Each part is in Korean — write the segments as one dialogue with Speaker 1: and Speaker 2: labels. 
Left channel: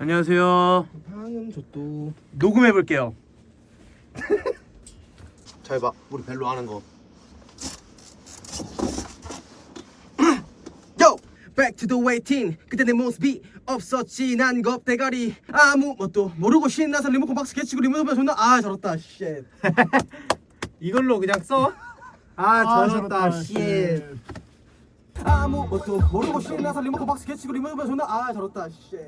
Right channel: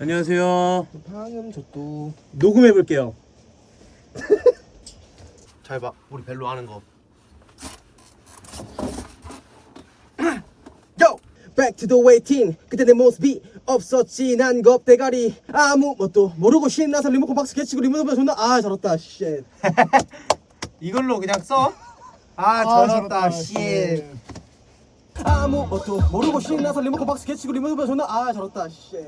Speaker 1: 안녕하세요.
Speaker 2: 방음 저도
Speaker 1: 녹음해 볼게요.
Speaker 2: 잘 봐. 우리 벨로 하는 거. Yo! Back to the waiting. 그때 내 모습이 없었지 난 겁대가리 아무 것도 모르고 신나서 리모컨 박스 개치고 리모컨 존나 아 저렇다 쉣
Speaker 1: 이걸로 그냥 써.
Speaker 2: 아 저렇다 쉣 아무 것도 모르고 신나서 리모컨 박스 개치고 리모컨 존나 아 저렇다 쉣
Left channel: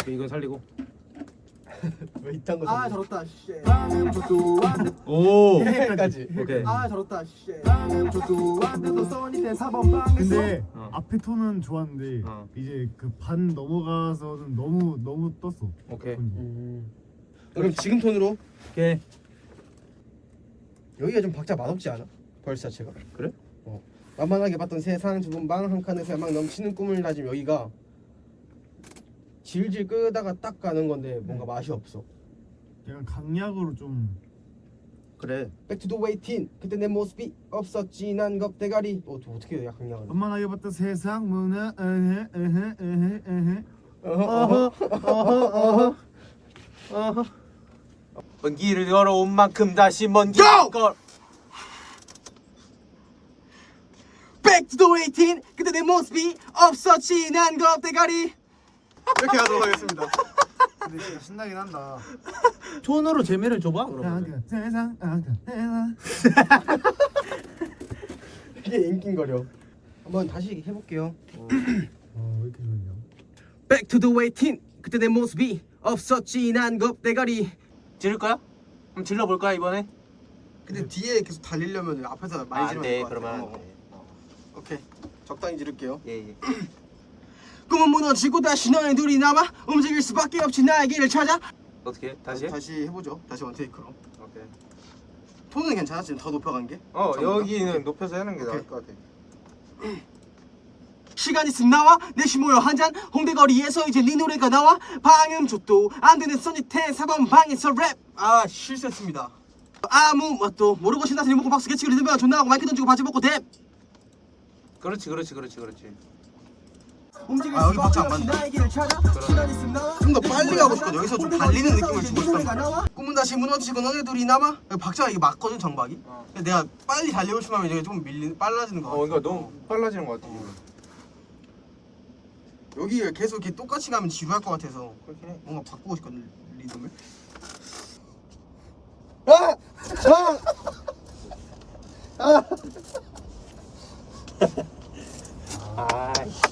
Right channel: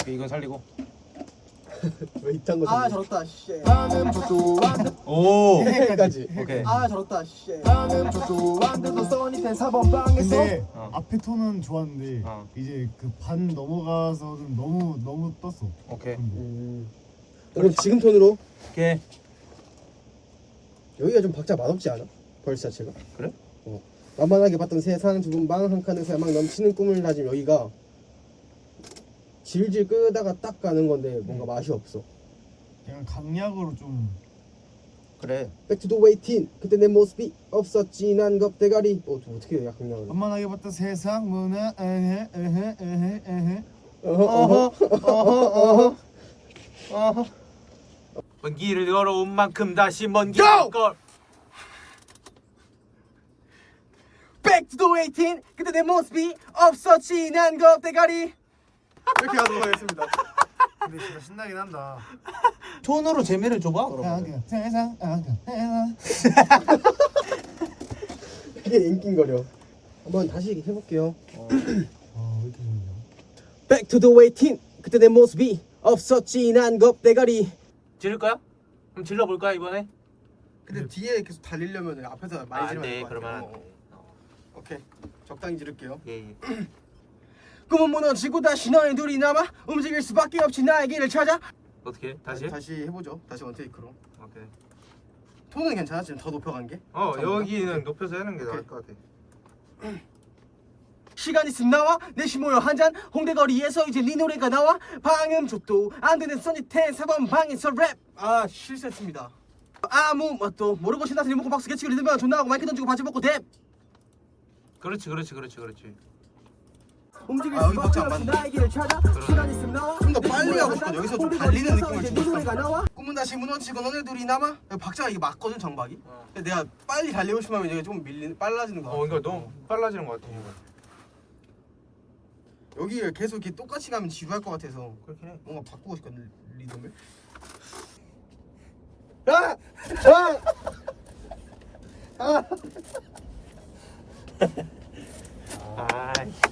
Speaker 1: 오케이 이건 살리고.
Speaker 2: 왜 이딴 거 아, 저렇다 쉣
Speaker 1: 오.
Speaker 2: 여기까지
Speaker 1: 오케이.
Speaker 2: 아 저렇다 쉣
Speaker 3: 근데
Speaker 1: 어.
Speaker 3: 앞에 톤은 좋았는데
Speaker 1: 어.
Speaker 3: 이제 그 반 넘어가서는 너무 너무 떴어.
Speaker 1: 오케이.
Speaker 2: 음. 그럼 지금 톤으로
Speaker 1: 오케이.
Speaker 2: 여기가 좀 박자 맛없지 않아? 벌써 자체가
Speaker 1: 그래?
Speaker 2: 어. 만만하게 봤던 세상 좁은 방 한 칸에서 야망 넘치는 꿈을 가진 여기가 질질 끄다가 딱 가는 건데 뭔가 맛이 없어.
Speaker 3: 그냥 강약으로 좀
Speaker 1: 그래.
Speaker 2: Back to the waiting. 그때 내 모습이 없었지. 난 겁대가리. 어, 저 어떻게 해야 강약을?
Speaker 3: 만만하게 봤던 세상. 문화. 에헤 에헤 에헤 에헤.
Speaker 2: 어허 어허 어허
Speaker 1: 먼 길을 걸어온 만큼 다시 먼 길을! 걸.
Speaker 2: Back to the waiting. 그때 내 모습이 없었지. 난 겁대가리 이렇게 가도록 하겠습니다
Speaker 3: 근데 진짜 신나긴 한다.
Speaker 1: 톤으로 재미를 줘봐. 그러면.
Speaker 3: 아그 세상 아그 세상
Speaker 2: 이게 인기거려 한번 다시 해볼게요
Speaker 3: 어왜 이렇게 좋냐?
Speaker 2: Back to the waiting 그때 내 모습이 없었지 난 겁대가리
Speaker 1: 지를 거야? 한번 질러 볼 거야 이번에?
Speaker 2: 근데 뒤에 계속 달리려면 앞에서 많이
Speaker 1: 아, 안 돼.
Speaker 2: 지르면
Speaker 1: 그러면 안안
Speaker 2: 돼.
Speaker 1: 돼. 어.
Speaker 2: 오케이 적당히 지를게요
Speaker 1: 예 예.
Speaker 2: 꿈은 무너지고 다시 너희 둘이 남아 움직일 수밖에 없지 나의 길을 찾아
Speaker 1: 어떻게? 다시? 해?
Speaker 2: 다시 해보죠 다시 원테이크로
Speaker 1: 오케이.
Speaker 2: 톤은 괜찮았지 더 높여간 게
Speaker 1: 어
Speaker 2: 전보다?
Speaker 1: 여기는
Speaker 2: 오케이.
Speaker 1: 높여서 하는 게 나을 것 같아.
Speaker 2: 시간 있음 나와 내시 모여 한잔 홍대거리에서 이제 네 노래가 나와 방음 족도 안 되는 써니텐 사번 방에서 랩아 실수했습니다 아무 것도 모르고 신나서 리모컨 박스 개치고 리듬가 존나 하고 마이크 던지고 바지 벗고 랩
Speaker 1: 그렇지 그렇지 그렇지 그렇지.
Speaker 2: 움직일 수밖에 없이 나의 길을 찾아 시간 있음 나와 좀더 빨리 가고 싶어 여기서 좀 달리는 느낌을 주고 싶어 꿈은 다시 무너지고 너네 둘이 남아 박자가 이게 맞거든 정박이?
Speaker 1: 어.
Speaker 2: 근데 내가 빨리 달리고 싶으면 이제 좀 밀리 빨라지는 거
Speaker 1: 어 그러니까 너무 빨라지는 것 같아.
Speaker 2: 여기 계속 이렇게 똑같이 가면 지루할 것 같아서
Speaker 1: 그렇긴 해.
Speaker 2: 뭔가 바꾸고 싶거든 리듬을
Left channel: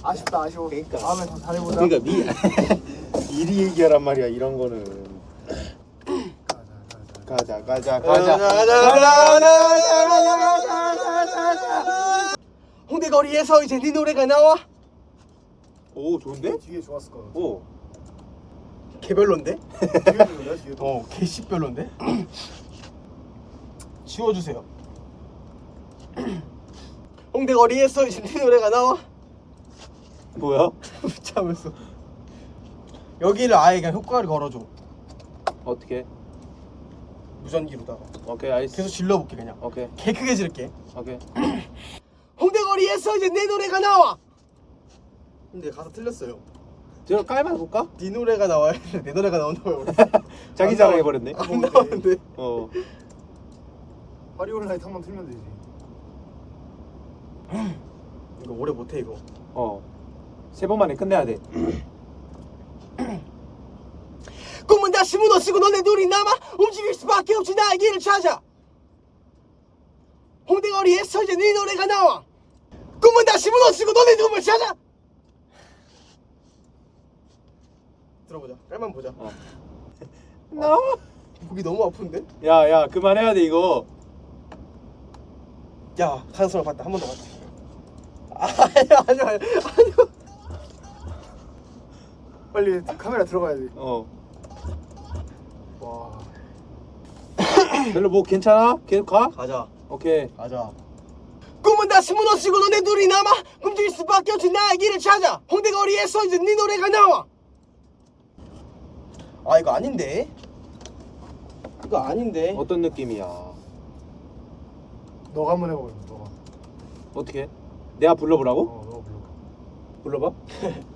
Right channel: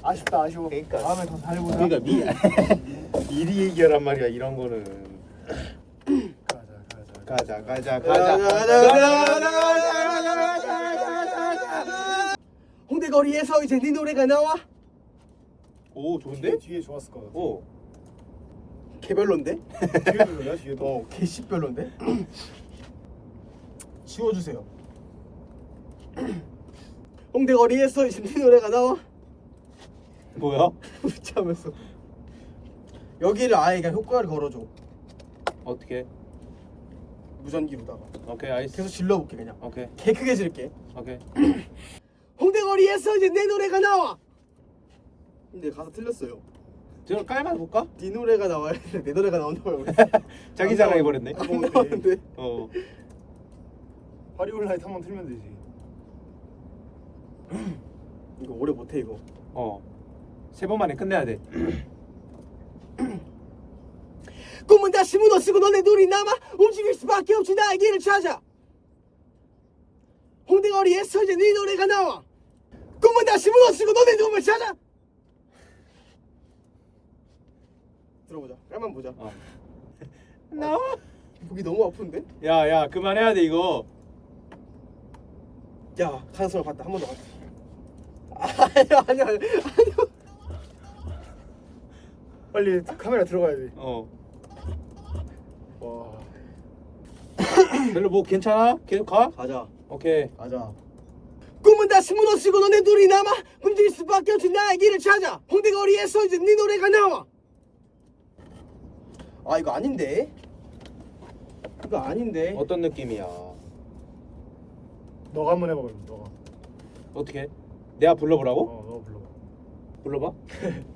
Speaker 2: 아!
Speaker 3: 아쉽다 아쉬워.
Speaker 1: 그러니까.
Speaker 3: 다음에 더 잘해보자.
Speaker 1: 그러니까 미 미리 얘기하란 말이야 이런 거는.
Speaker 3: 가자
Speaker 1: 가자
Speaker 3: 가자.
Speaker 1: 가자 가자.
Speaker 2: 홍대 거리에서 이제 네 노래가 나와
Speaker 1: 오 좋은데?
Speaker 3: 뒤에 좋았을 거.
Speaker 1: 오.
Speaker 2: 개별론데?
Speaker 3: 뒤에도 내가 뒤에도.
Speaker 2: 어 개씨별론데? 지워주세요 홍대 거리에서 이제 네 노래가 나와
Speaker 1: 뭐야?
Speaker 2: 참았어 여기를 아예 그냥 효과를 걸어줘
Speaker 1: 어떻게?
Speaker 2: 무전기로다가
Speaker 1: 오케이 알겠어.
Speaker 2: 계속 질러볼게 그냥
Speaker 1: 오케이
Speaker 2: 개 크게 질게
Speaker 1: 오케이.
Speaker 2: 홍대거리에서 이제 내 노래가 나와 근데 가사 틀렸어요
Speaker 1: 제가 깔만 볼까?
Speaker 2: 네 노래가 나와야 돼. 내 노래가 나온다고요
Speaker 1: 자기
Speaker 2: 안
Speaker 1: 자랑해
Speaker 2: 나와.
Speaker 1: 버렸네.
Speaker 2: 안 나오는데
Speaker 1: 어.
Speaker 3: 화리올라이트 한번 틀면 되지.
Speaker 2: 이거 오래 못해 이거
Speaker 1: 어. 세 번 만에 끝내야 돼.
Speaker 2: 꿈은 다시 무너지고 너네 둘이 남아 움직일 수밖에 없지 나의 길을 찾아 홍대거리에서 이제 네 노래가 나와 꿈은 다시 무너지고 너네 둘을 찾아 들어보자 깔만 보자
Speaker 1: 어. 너.
Speaker 2: 곡이 너무 아픈데?
Speaker 1: 야 야 그만해야 돼 이거.
Speaker 2: 야 가능성을 봤다 한 번 더 봤다 아니야 아니야 아니야
Speaker 3: 빨리 카메라 들어가야 돼.
Speaker 1: 어.
Speaker 3: 와.
Speaker 1: 별로 뭐 괜찮아? 계속 가?
Speaker 2: 가자
Speaker 1: 오케이.
Speaker 2: 가자 꿈은 다시 무너지고 너네 둘이 남아 움직일 수밖에 없지 나의 길을 찾아 홍대거리에서 이제 네 노래가 나와 아 이거 아닌데 이거 아닌데
Speaker 1: 어떤 느낌이야?
Speaker 3: 너가 한번 해봐 그럼 너가.
Speaker 1: 어떻게? 내가 불러보라고?
Speaker 3: 어 너가 불러.
Speaker 1: 불러봐.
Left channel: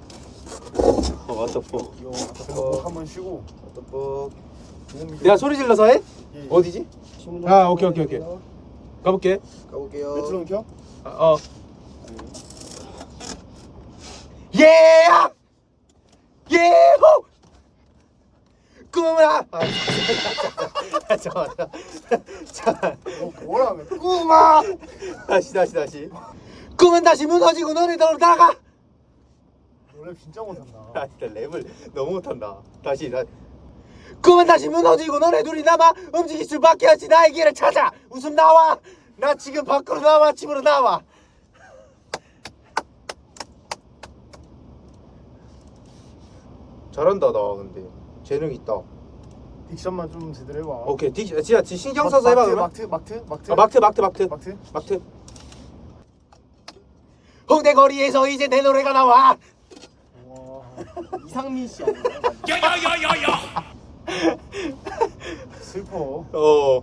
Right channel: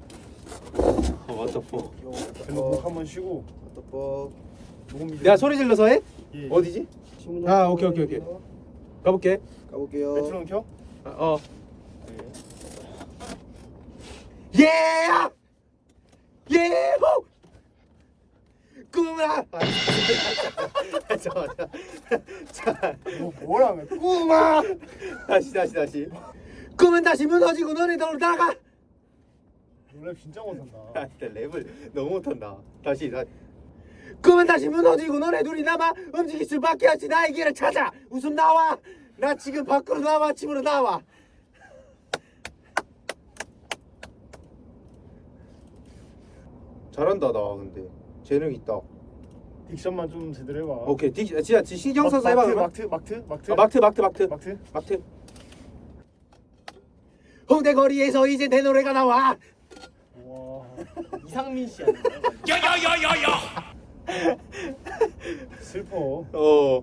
Speaker 1: 왔다 포.
Speaker 3: 어, 한번 쉬고.
Speaker 2: 뭐
Speaker 1: 내가 소리 질러서 해?
Speaker 3: 예.
Speaker 1: 어디지? 아 오케이 오케이 오케이. 가볼게.
Speaker 2: 가볼게요.
Speaker 3: 메트론 켜?
Speaker 1: 아, 어. 예! 예호! 꿈아! 아, 잠깐만. 자,
Speaker 3: 뭐, 뭐라며? 꾸마!
Speaker 1: 다시 다시 다시. 꿈은 다시 무너지고 너네 돌아가.
Speaker 3: 노래 진짜 못한다.
Speaker 1: 아, 진짜 랩을 너무 못한다. 다시 다. 꿈은 다시 무너지고 너네 둘이 남아 움직일 수밖에 없지 나의 길을 찾아 웃음 나와 나 지금 밖으로 나와 집으로 나와 잘한다 나 근데 재능 있다
Speaker 3: 딕션만 좀 제대로 해봐.
Speaker 1: 오케이 디, 진짜 디- 신경 써서 해봐
Speaker 3: 마트,
Speaker 1: 그러면.
Speaker 3: 마트, 마트, 마트.
Speaker 1: 아, 마트 마트 마트
Speaker 3: 마트.
Speaker 1: 마트 홍대 거리에서 이제 내 노래가 나와
Speaker 3: 와.
Speaker 2: 이상민 씨 아니에요?
Speaker 3: 슬퍼.
Speaker 1: 어.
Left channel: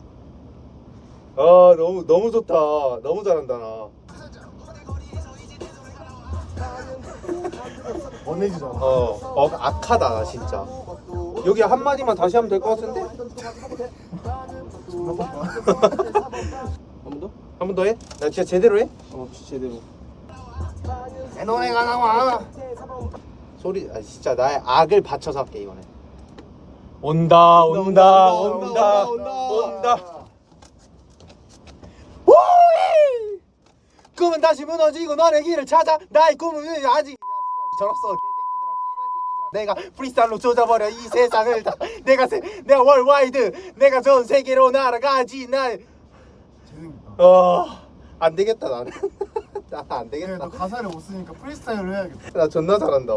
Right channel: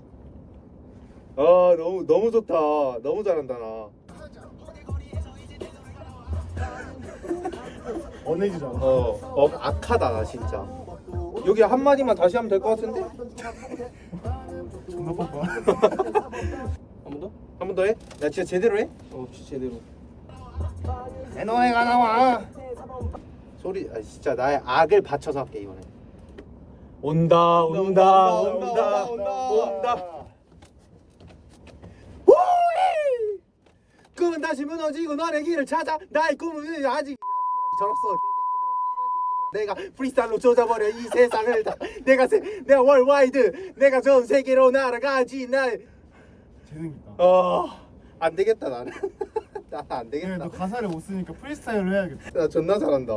Speaker 1: 아 너무 너무 좋다. 너무 잘한다 나.
Speaker 3: 원해지잖아.
Speaker 1: 어, 어 악하다 나 진짜. 여기 한 마디만 다시 하면 될 것 같은데?
Speaker 2: 한번 더?
Speaker 1: 한번 더 해? 나 진짜 제대로 해?
Speaker 2: 어, 진짜 제대로.
Speaker 3: 내 노래가 나와.
Speaker 1: 소리 아 진짜 나의 악을 받쳐서 할게 이번에. 온다 온다 온다 온다. 오이! 꿈은 다시 무너지고 너의 길을 찾아 나의 꿈은 아직 새끼들아. 내가 프리스타일로 조져버려 이 세상을 다 내가 세, 내가 월와이드 내가 전 세계로 날아가지
Speaker 3: 재능 있다.
Speaker 1: 나어안 되겠다 나는 나안
Speaker 3: 그래,
Speaker 1: 되겠다.
Speaker 3: 너 가사를 못 쓰니까 프리스타일로 해야겠다.
Speaker 1: 나 존나 잘한다.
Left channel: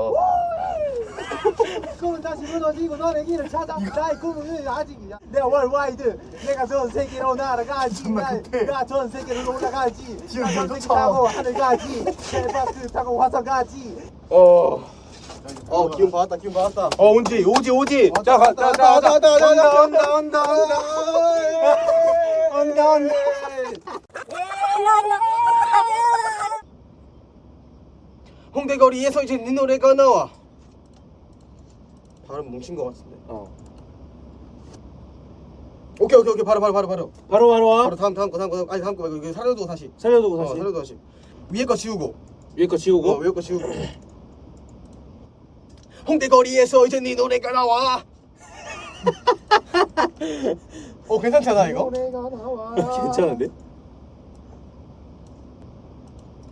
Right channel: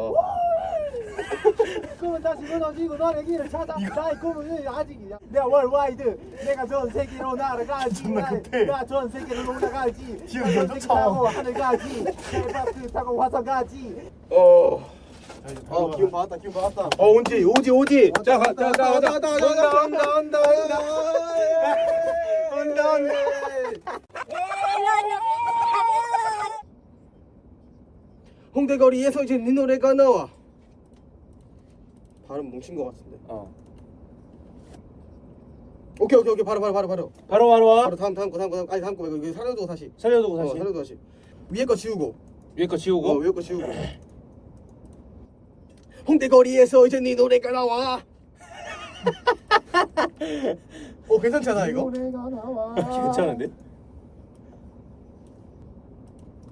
Speaker 1: 꿈은 다시 무너지고 너의 길을 찾아. 나의 꿈은 아직이야. 내가 월와이드 내가 전 세계로 날아가지.
Speaker 3: 존나 급해.
Speaker 1: 내가 전 세계로 올라가지.
Speaker 3: 나저
Speaker 1: 전기
Speaker 3: 쫓아.
Speaker 1: 타고 하늘 가지. 헬바스 타고 화성 가지. 어.
Speaker 2: 어, 기운 받았다, 기운 받았다.
Speaker 1: 어 온지 오지 오지. 자 가, 자, 자, 자,
Speaker 2: 왔다, 왔다, 왔다,
Speaker 1: 온다 온다 온다 온다. 온다 온다
Speaker 2: 홍대 거리에서 이제 네 노래가 나와. 발음 뭉친 것 같은데.
Speaker 1: 어
Speaker 2: 오케이, 오케이, 오케이. 바로, 바로, 바로, 바로.
Speaker 1: 바로 바로 와
Speaker 2: 바로 다음, 다음 거, 다음 거, 아니 다음 거 말고 이거 살려두고 다시.
Speaker 1: 살려두고
Speaker 2: 어,
Speaker 1: 다시
Speaker 2: 살려두고 다시. 위에 거 지우고.
Speaker 1: 위에 거 지우고
Speaker 2: 어, 위에 거 지우고. 홍대 거리에서 이제 네 노래가 나와. 어, 괜찮잖아 이거.
Speaker 1: 괜찮은데?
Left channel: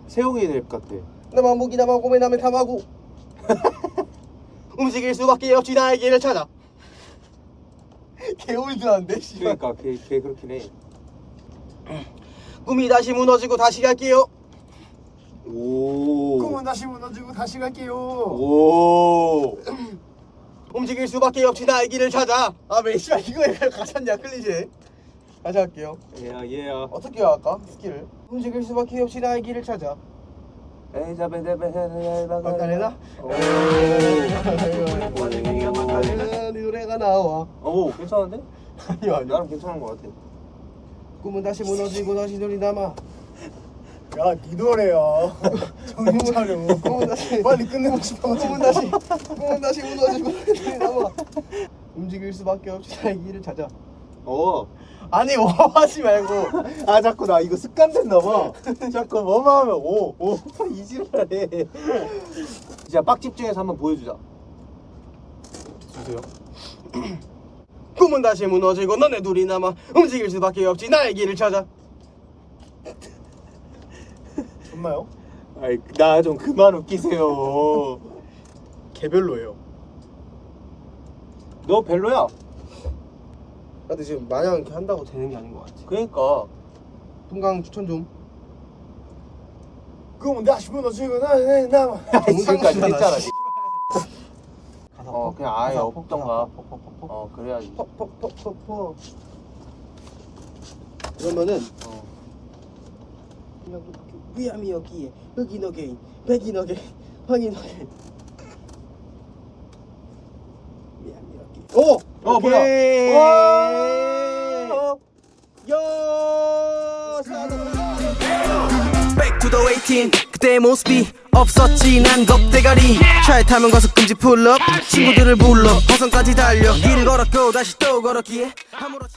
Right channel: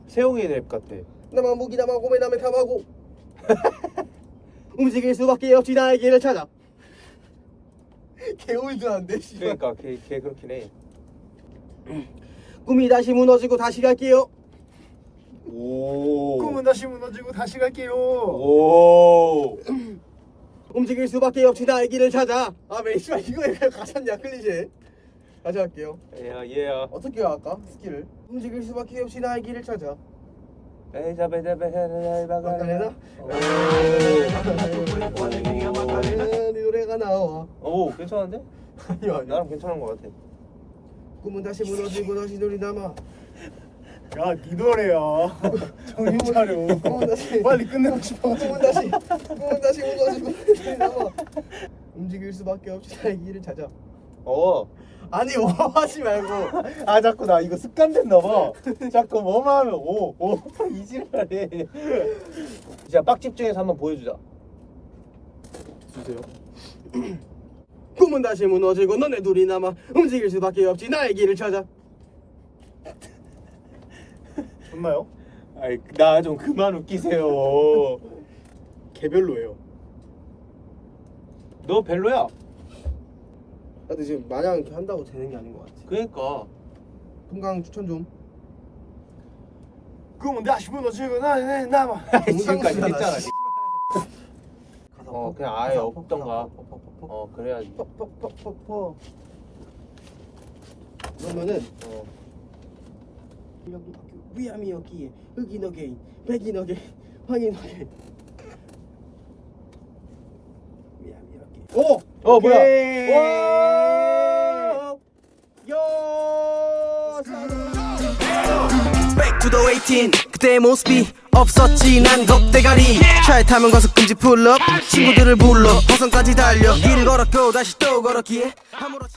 Speaker 1: 세용이 랩 같아
Speaker 2: 나만 무기 나만 고매 남의 탐하고. 움직일 수밖에 없지 나의 길을 찾아. 개울드한데 씨발.
Speaker 1: 그러니까 걔, 걔 그렇긴 해
Speaker 2: 꿈이 다시 무너지고 다시 갈게요.
Speaker 1: 오.
Speaker 3: 꿈은 다시 무너지고 다시 갈게요.
Speaker 1: 오.
Speaker 2: 움직일 수밖에 없지 나의 길을 찾아. 아, 왜 씨발 이거에 가사냐 클리셰. 다시 할게요.
Speaker 1: 야, 얘야.
Speaker 2: 어떻게 할까? 스킬을. 움직일 수밖에 없이 나의 길을 찾아. 마카레나?
Speaker 1: 오.
Speaker 2: 네 노래가 나와.
Speaker 1: 오, 괜찮은데?
Speaker 2: 아니요, 아니요.
Speaker 1: 나름 괜찮은 것 같아.
Speaker 2: 꿈은 다시 무너지고 다시 돌이 남아.
Speaker 3: 야, 네 노래야. 정신 차려.
Speaker 2: 꿈은 다시
Speaker 3: 빨리 끝내고 싶어.
Speaker 2: 꿈은 다시 꿈은 다시 무너지고 돌이 남아. 움직일 수밖에 없이 나의 길을 찾아.
Speaker 1: 어.
Speaker 2: 아니 뭐 하지 말고.
Speaker 1: 아, 자꾸 나 이거 습관 됐나 봐. 자꾸 뭐만 하면 오, 오, 이질하네. 자, 빡집 중에서 한번 보여주자.
Speaker 2: 주세요. 꿈은 다시 무너지고 너네 둘이 남아 움직일 수밖에 없지 나의 길을 찾아.
Speaker 3: 좋나요?
Speaker 1: 아이, 나 좀 그만 웃기세요.
Speaker 2: 개별로예요.
Speaker 1: 너 별로야.
Speaker 2: 근데 지금 마냥 이렇게 한다고 되는 게 아닌 것 같아.
Speaker 1: 그러니까.
Speaker 2: 동강 추천 좀.
Speaker 3: 꿈은 다시 무너지고 나의 남아.
Speaker 1: 지금까지 했잖아. 지금.
Speaker 2: 가사
Speaker 1: 어,
Speaker 2: 퍽,
Speaker 1: 그냥 아예 없던가. 어, 그래야지.
Speaker 2: 퍽퍽퍽퍽퍽 그러면은
Speaker 1: 어.
Speaker 2: 위암이 여기에 흑인 어게인 백인 어게인 황인 어게인 위암이 여기 오!
Speaker 1: 어, 뭐야?
Speaker 2: 오케이.
Speaker 1: 와!
Speaker 2: 요!
Speaker 4: Back to the waiting 그때의 모습이
Speaker 2: 없었지 난 겁대가리 차에 타면 가서 금지 풀업 친구들을 불러 버선까지 달려 길 걸었고 다시 또 걸었기에 아무렇지